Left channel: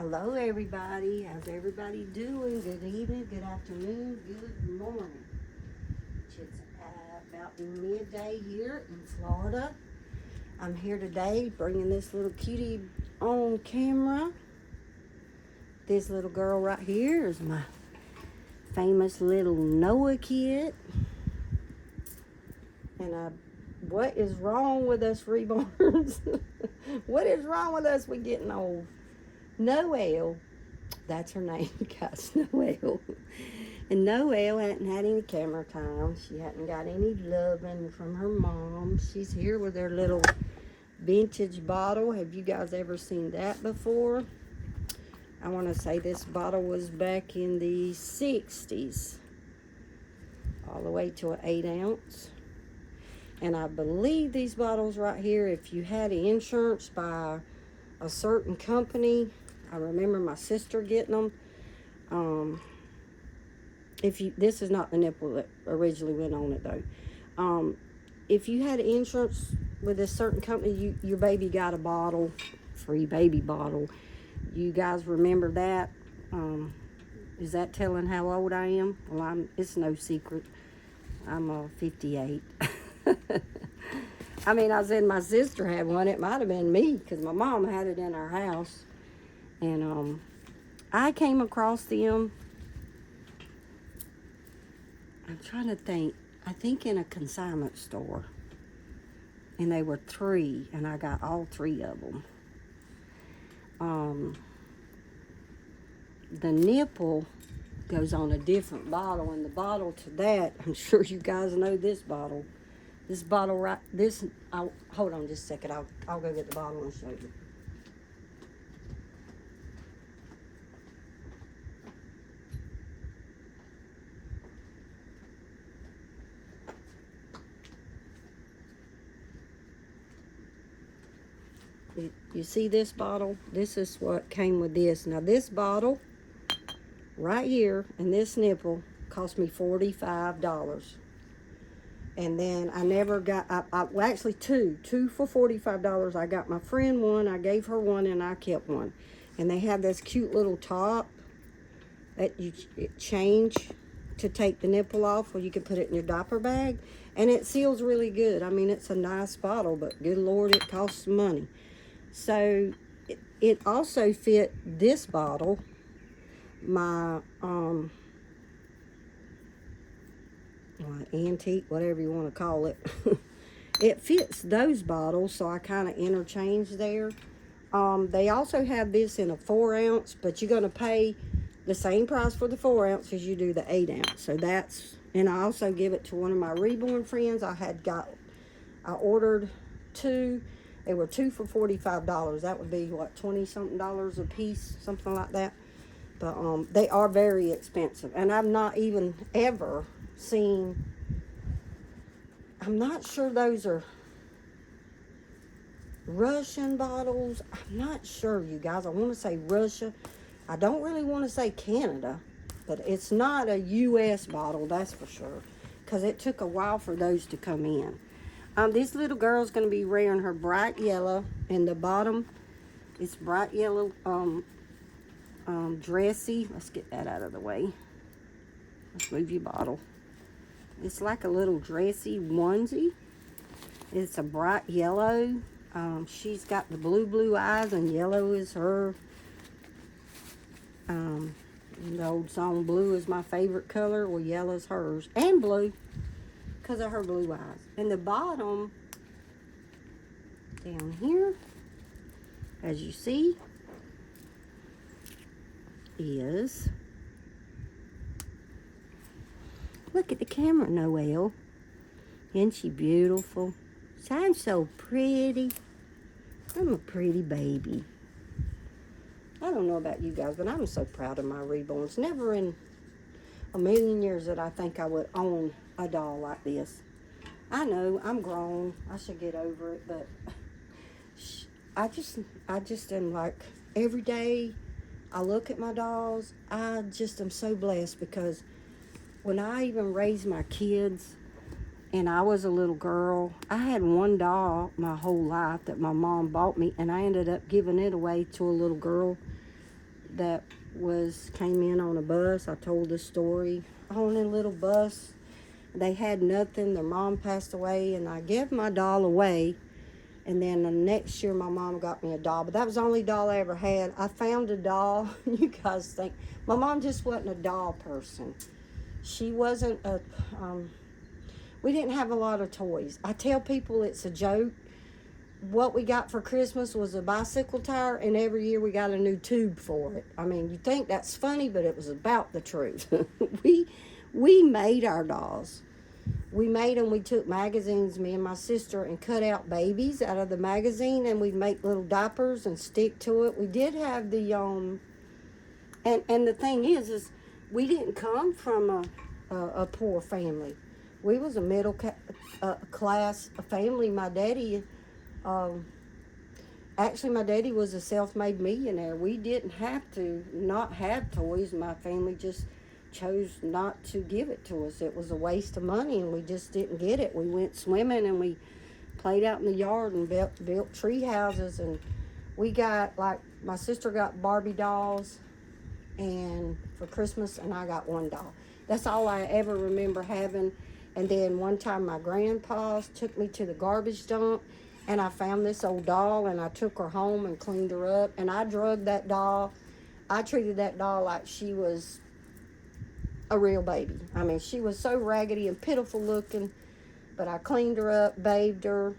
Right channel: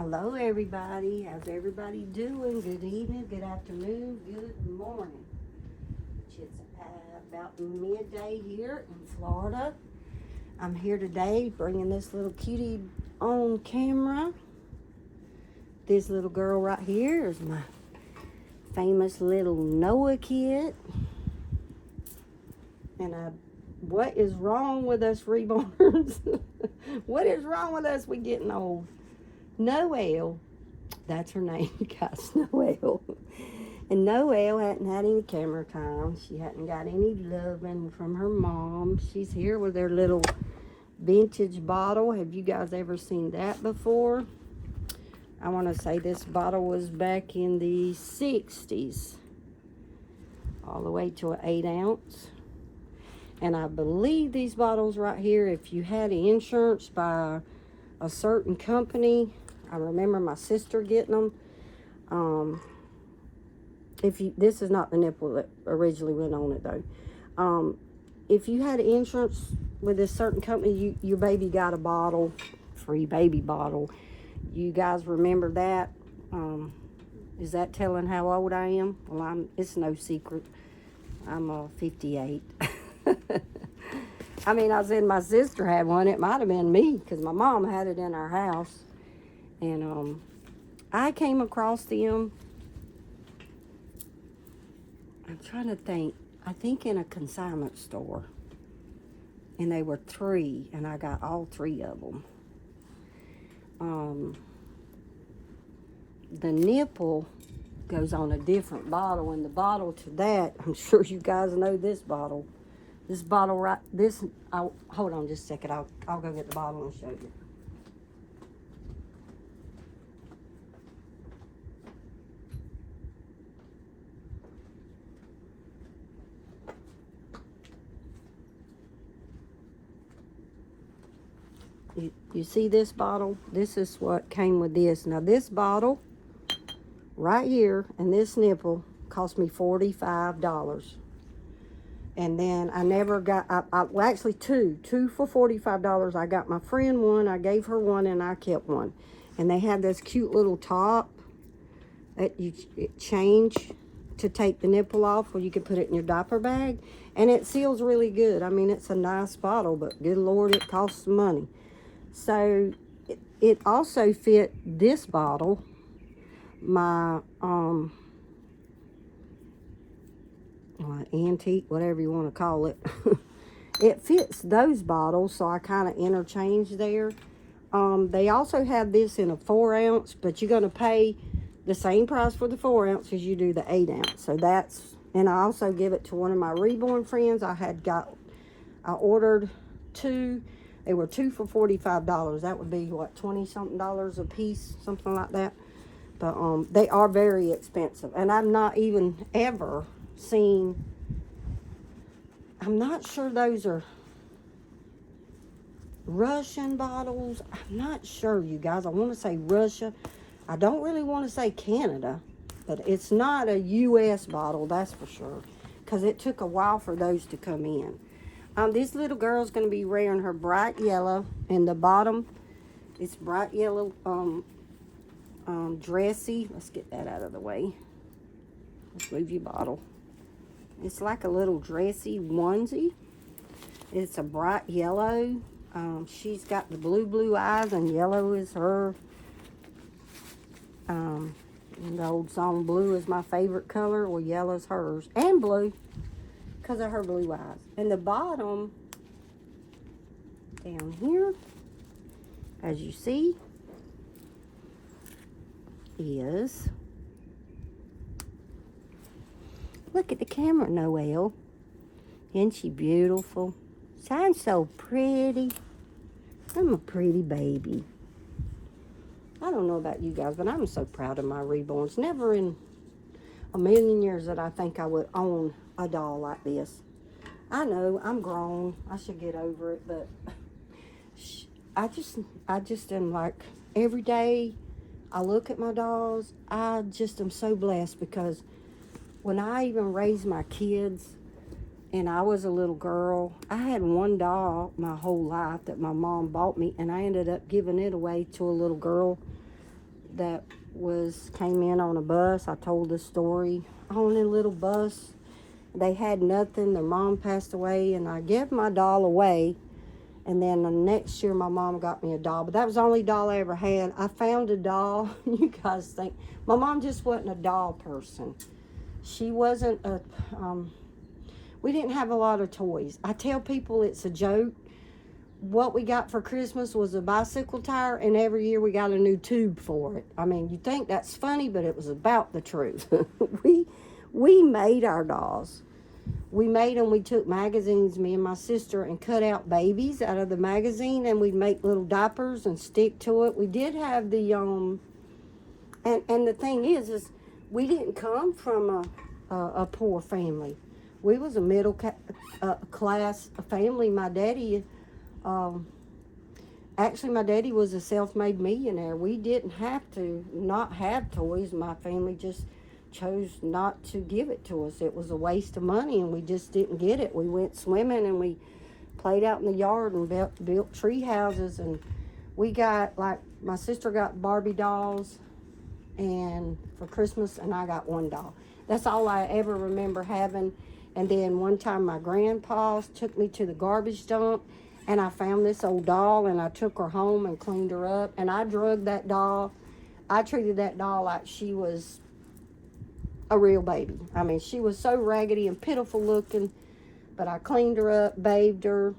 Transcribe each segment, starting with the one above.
Hello, everybody. How's everybody doing? Good evening, good afternoon, good morning. It's about midday here in Florida. I'm here today bringing this little cutie on camera. This little girl right here is my famous little Noah kid. And what is wrong with us reborns? What is wrong with us? We're getting old. Noelle, that's her name, guys, Noelle. And Noelle hadn't had any camera time. She hadn't got any loving from her mom. She's here with her little vintage bottle. Have you guys ever seen that before? I want to say this bottle was back in the 60s, all the way to an 8 ounce. And I believe these bottles right here, if you had insurance by a certain company, I remember my sister getting them. This is not the nipple that originally went on it though. If you had insurance with this certain company, your baby got a bottle, free baby bottle. You guys remember that? Is that telling how old I am? Well, it's no secret. I'm 58. I mean, I said my sister had one. It might have been me because my mom had it in our house. And I came across them. I'm trying to think. I think in a consignment store. And they were 3, and I got all 3 of them. The nipple goes on a different bottle, and the bottle to that, I'm sure you guys know this bottle. This bottle right, hold on just a second. I'll go get the bottle and show you. You see this bottle? This is what came with this. Now this bottle right here and this nipple cost me $45. And then I never got, well actually two for $45. I got my friend one, I gave her one, and I kept one. And they had this cute little top that you change to take the nipple off, or you can put it in your diaper bag. And it seals really good. I mean, it's a nice bottle, but good Lord, it costs some money. So it also fit this bottle, my antique, whatever you want to call it. It fits those bottles, so I kind of interchange there. They also have this in a 4 ounce, but you're going to pay the same price for the 4 ounce as you do the 8 ounce. So that's, and I also give it to one of my reborn friends. I ordered 2. They were 2 for $45. That would be what, 20-something a piece, something like that. But they are very expensive, and I've not even ever seen. I'm not sure those are Russian bottles. I'm not sure, you guys. I want to say Russia. I don't really want to say Canada, but it's not a U.S. bottle, that's for sure, because it took a while for those to come in. This little girl's going to be wearing her bright yellow. In the bottom, it's bright yellow dressy. Let's get that out of the way. Let's move your bottle. It's like a little dressy onesie. It's a bright yellow. She's got the blue eyes, and yellow is her. The old song, blue is my favorite color. Well, yellow is hers. And blue, because of her blue eyes. And the bottom, down here, as you see, is, look at the camera, Noelle. Isn't she beautiful? I'm so pretty. I'm a pretty baby. I don't know about you guys, but I'm so proud of my reborns. Never in a million years that I think I would own a doll like this. I know I'm grown. I should get over it, but I just am like, every day I look at my dolls, I just am so blessed, because when I even raised my kids and I was a little girl, I had one doll my whole life that my mom bought me, and I ended up giving it away to a little girl that came in on a bus. I told the story on a little bus. They had nothing. Their mom passed away, and I gave my doll away. And then the next year, my mom got me a doll. But that was the only doll I ever had. I found a doll. You guys think. My mom just wasn't a doll person. She wasn't a... we didn't have a lot of toys. I tell people it's a joke. What we got for Christmas was a bicycle tire, and every year we got a new tube for it. I mean, you think that's funny, but it was about the truth. we made our dolls. We made them. We took magazines, me and my sister, and cut out babies out of the magazine, and we'd make little diapers and stick to it. We did have the and the thing is we didn't come from a poor family. We was a middle class family. My daddy, actually, my daddy was a self-made millionaire. We didn't have to not have toys. My family just chose not to give it to us. It was a waste of money, and we just didn't get it. We went swimming, and we played out in the yard and built tree houses, and we got, like, my sister got Barbie dolls and for Christmas, and I got one doll. That's all I ever remember having. And then one time my grandpa took me to the garbage dump, and I found this old doll, and I took her home and cleaned her up, and I drugged that doll. I treated that doll like she was a real baby. I mean, she was so raggedy and pitiful looking, but I cleaned her up, bathed her,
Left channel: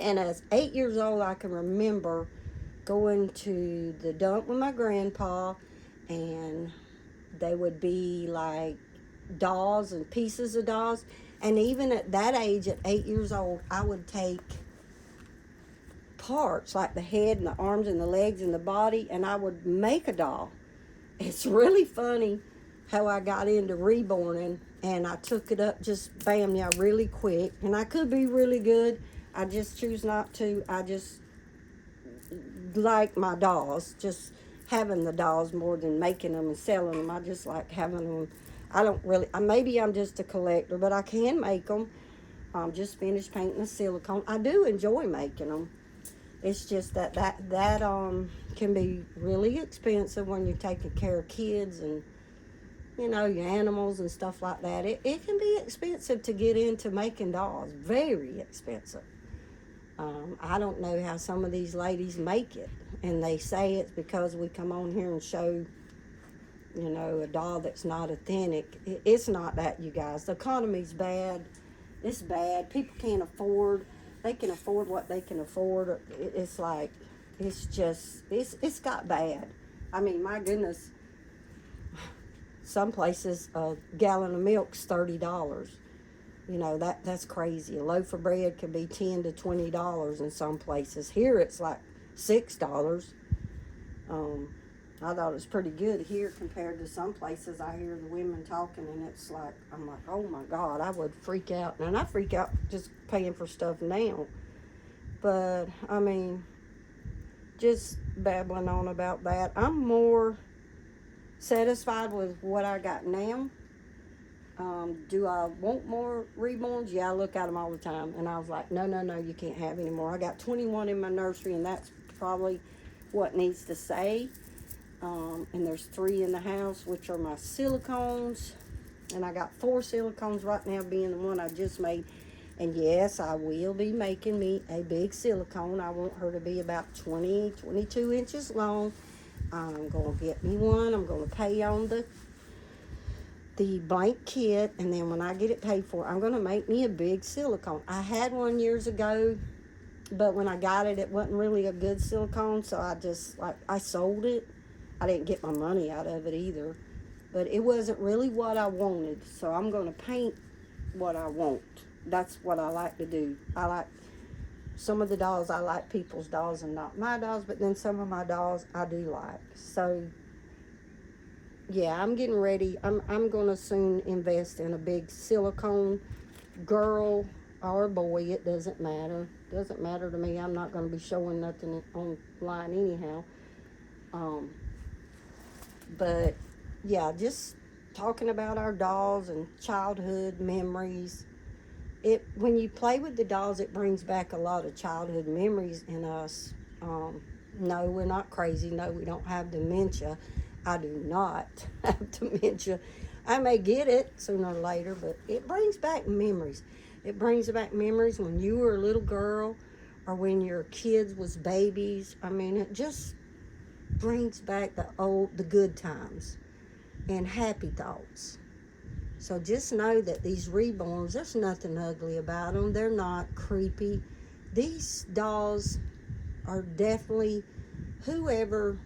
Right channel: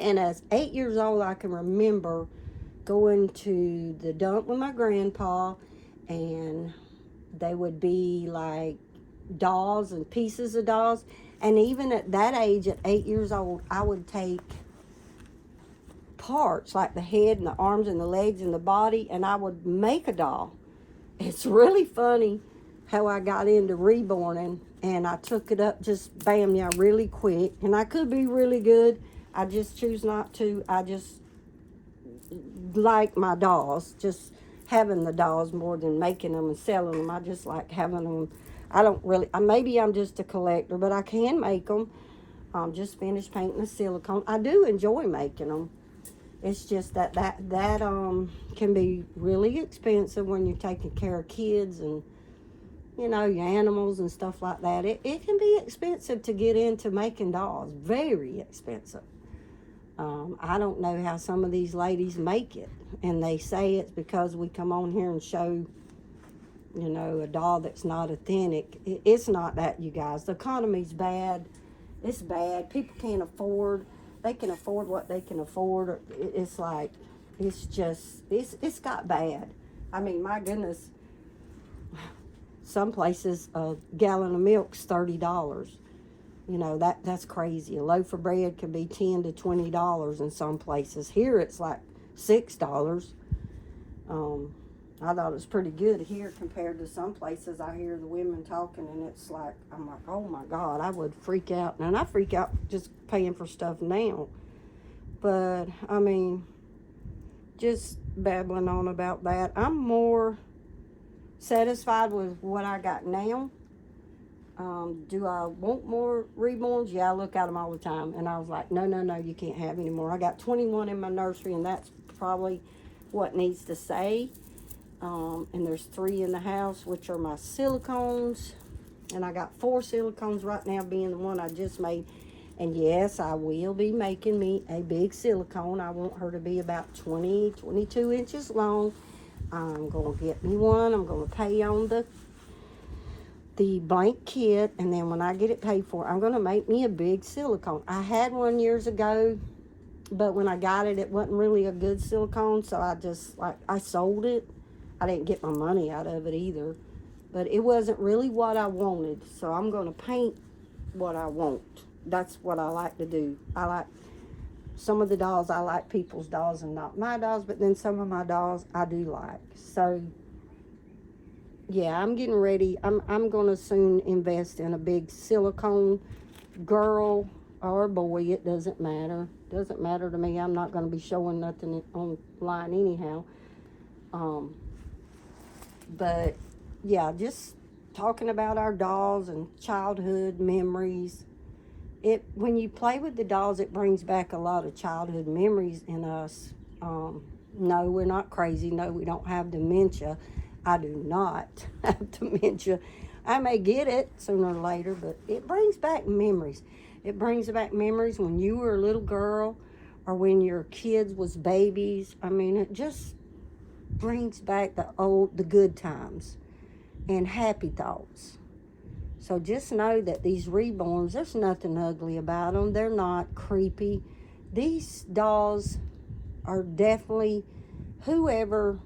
and as 8 years old, I can remember going to the dump with my grandpa, and they would be like dolls and pieces of dolls, and even at that age, at 8 years old, I would take parts like the head and the arms and the legs and the body, and I would make a doll. It's really funny how I got into reborning, and I took it up just bam, yeah, really quick. And I could be really good. I just choose not to. I just like my dolls, just having the dolls more than making them and selling them. I just like having them. I don't really, maybe I'm just a collector, but I can make them. Just finished painting the silicone. I do enjoy making them. It's just that can be really expensive when you're taking care of kids and, you know, your animals and stuff like that. It can be expensive to get into making dolls. Very expensive. I don't know how some of these ladies make it. And they say it's because we come on here and show, you know, a doll that's not authentic. It's not that, you guys. The economy's bad. It's bad. People can't afford. They can afford what they can afford. It's like, it's got bad. I mean, my goodness. Some places, a gallon of milk's $30. You know, that's crazy. A loaf of bread can be $10 to $20 in some places. Here it's like $6. I thought it was pretty good here compared to some places. I hear the women talking, and it's like, I'm like, oh my God, I would freak out. And I freak out just paying for stuff now. But, I mean, just babbling on about that. I'm more satisfied with what I got now. Do I want more reborns? Yeah, I look at them all the time, and I was like, no, you can't have any more. I got 21 in my nursery, and that's probably what needs to stay. And there's 3 in the house, which are my silicones, and I got 4 silicones right now, being the one I just made. And yes, I will be making me a big silicone. I want her to be about 22 inches long. I'm going to get me one. I'm going to pay on the blank kit, and then when I get it paid for, I'm going to make me a big silicone. I had one years ago, but when I got it, it wasn't really a good silicone, so I sold it. I didn't get my money out of it either, but it wasn't really what I wanted, so I'm going to paint what I want. That's what I like to do. I like some of the dolls. I like people's dolls and not my dolls, but then some of my dolls I do like. So yeah, I'm getting ready. I'm going to soon invest in a big silicone, girl or boy. It doesn't matter. Doesn't matter to me. I'm not going to be showing nothing online anyhow. But yeah, just talking about our dolls and childhood memories. When you play with the dolls, it brings back a lot of childhood memories in us. No, we're not crazy. No, we don't have dementia. I do not have dementia. I may get it sooner or later, but it brings back memories. It brings back memories when you were a little girl or when your kids was babies. I mean, it just brings back the good times and happy thoughts. So just know that these reborns, there's nothing ugly about them. They're not creepy. These dolls are definitely, whoever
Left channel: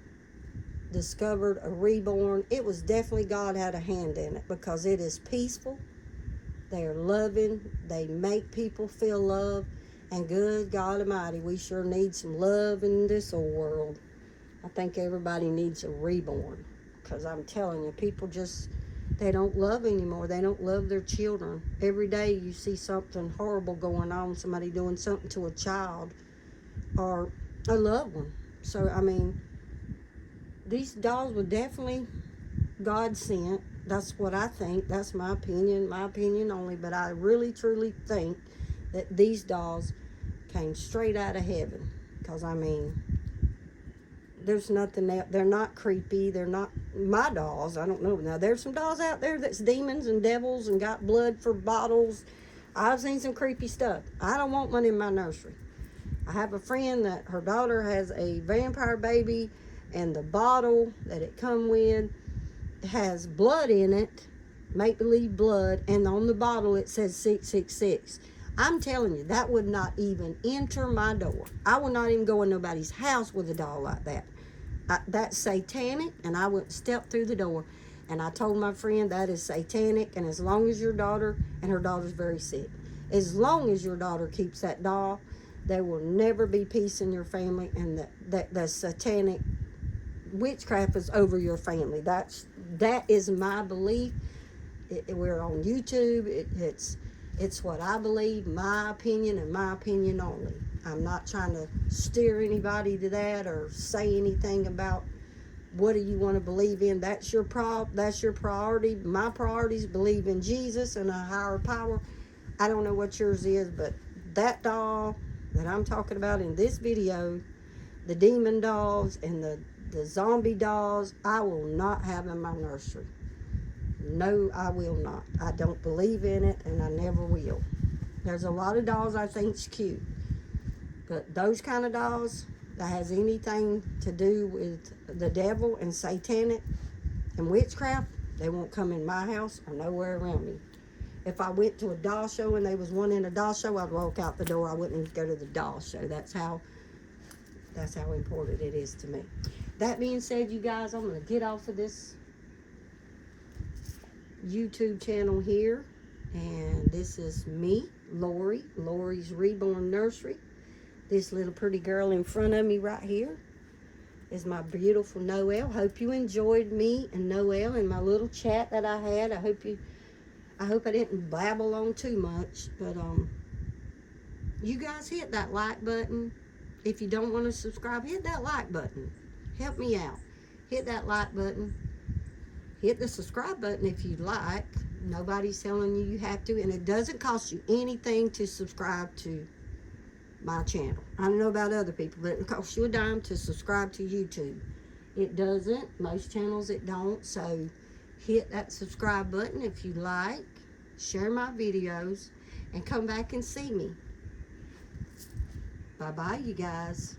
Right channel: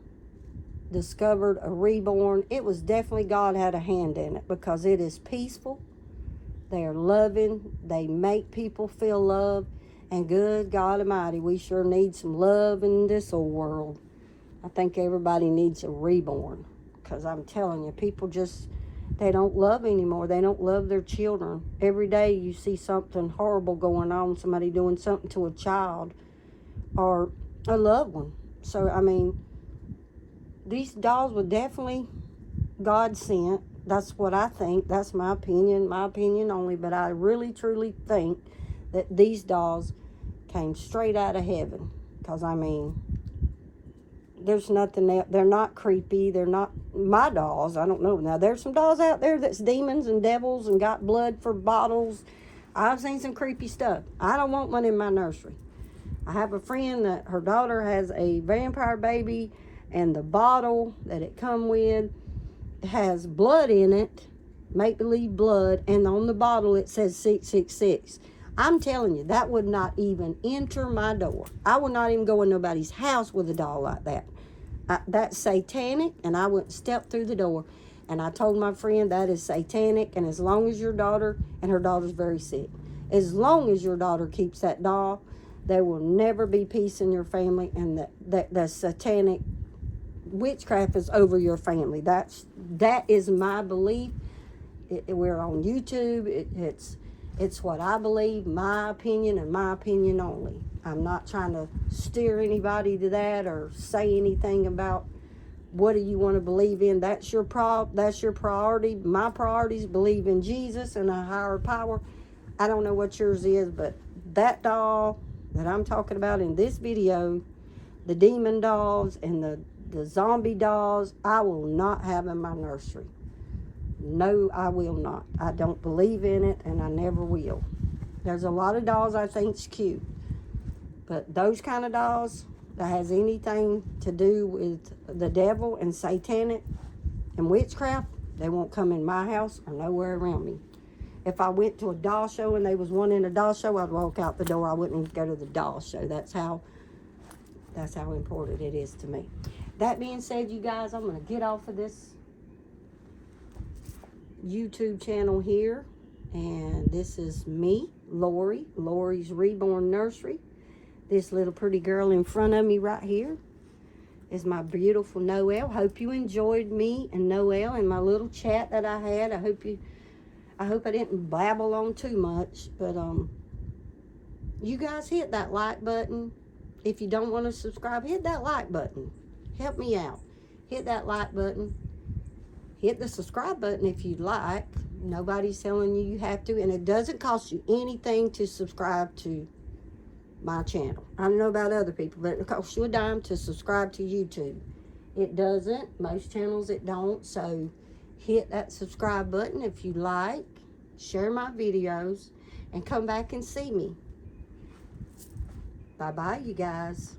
discovered a reborn, it was definitely God had a hand in it, because it is peaceful. They are loving. They make people feel loved. And good God Almighty, we sure need some love in this old world. I think everybody needs a reborn, because I'm telling you, people just, they don't love anymore. They don't love their children. Every day you see something horrible going on, somebody doing something to a child or a loved one. So, I mean, these dolls were definitely God sent. That's what I think. That's my opinion only. But I really, truly think that these dolls came straight out of heaven. Because, I mean, there's nothing else. They're not creepy. They're not my dolls. I don't know. Now, there's some dolls out there that's demons and devils and got blood for bottles. I've seen some creepy stuff. I don't want one in my nursery. I have a friend that her daughter has a vampire baby, and the bottle that it come with has blood in it, make-believe blood, and on the bottle it says 666. I'm telling you, that would not even enter my door. I would not even go in nobody's house with a doll like that. That's satanic, and I wouldn't step through the door. And I told my friend that is satanic, and as long as your daughter, and her daughter's very sick, as long as your daughter keeps that doll, there will never be peace in your family, and that satanic witchcraft is over your family. That is my belief. We're on YouTube. It's what I believe, my opinion, and my opinion only. I'm not trying to steer anybody to that or say anything about what do you want to believe in. That's your priority. My priority is believe in Jesus and a higher power. I don't know what yours is, but that doll that I'm talking about in this video, the demon dolls and the zombie dolls, I will not have in my nursery. No, I will not. I don't believe in it, and I never will. There's a lot of dolls I think's cute, but those kind of dolls that has anything to do with the devil and satanic and witchcraft, they won't come in my house or nowhere around me. If I went to a doll show and there was one in a doll show, I'd walk out the door. I wouldn't go to the doll show. That's how important it is to me. That being said, you guys, I'm going to get off of this YouTube channel here. And this is me, Lori's Reborn Nursery. This little pretty girl in front of me right here is my beautiful Noelle. Hope you enjoyed me and Noelle and my little chat that I had. I hope I didn't babble on too much, but you guys hit that like button. If you don't want to subscribe, hit that like button. Help me out. Hit that like button. Hit the subscribe button if you'd like. Nobody's telling you have to, and it doesn't cost you anything to subscribe to my channel. I don't know about other people, but it costs you a dime to subscribe to YouTube. It doesn't. Most channels it don't, so hit that subscribe button if you like. Share my videos and come back and see me. Bye-bye, you guys.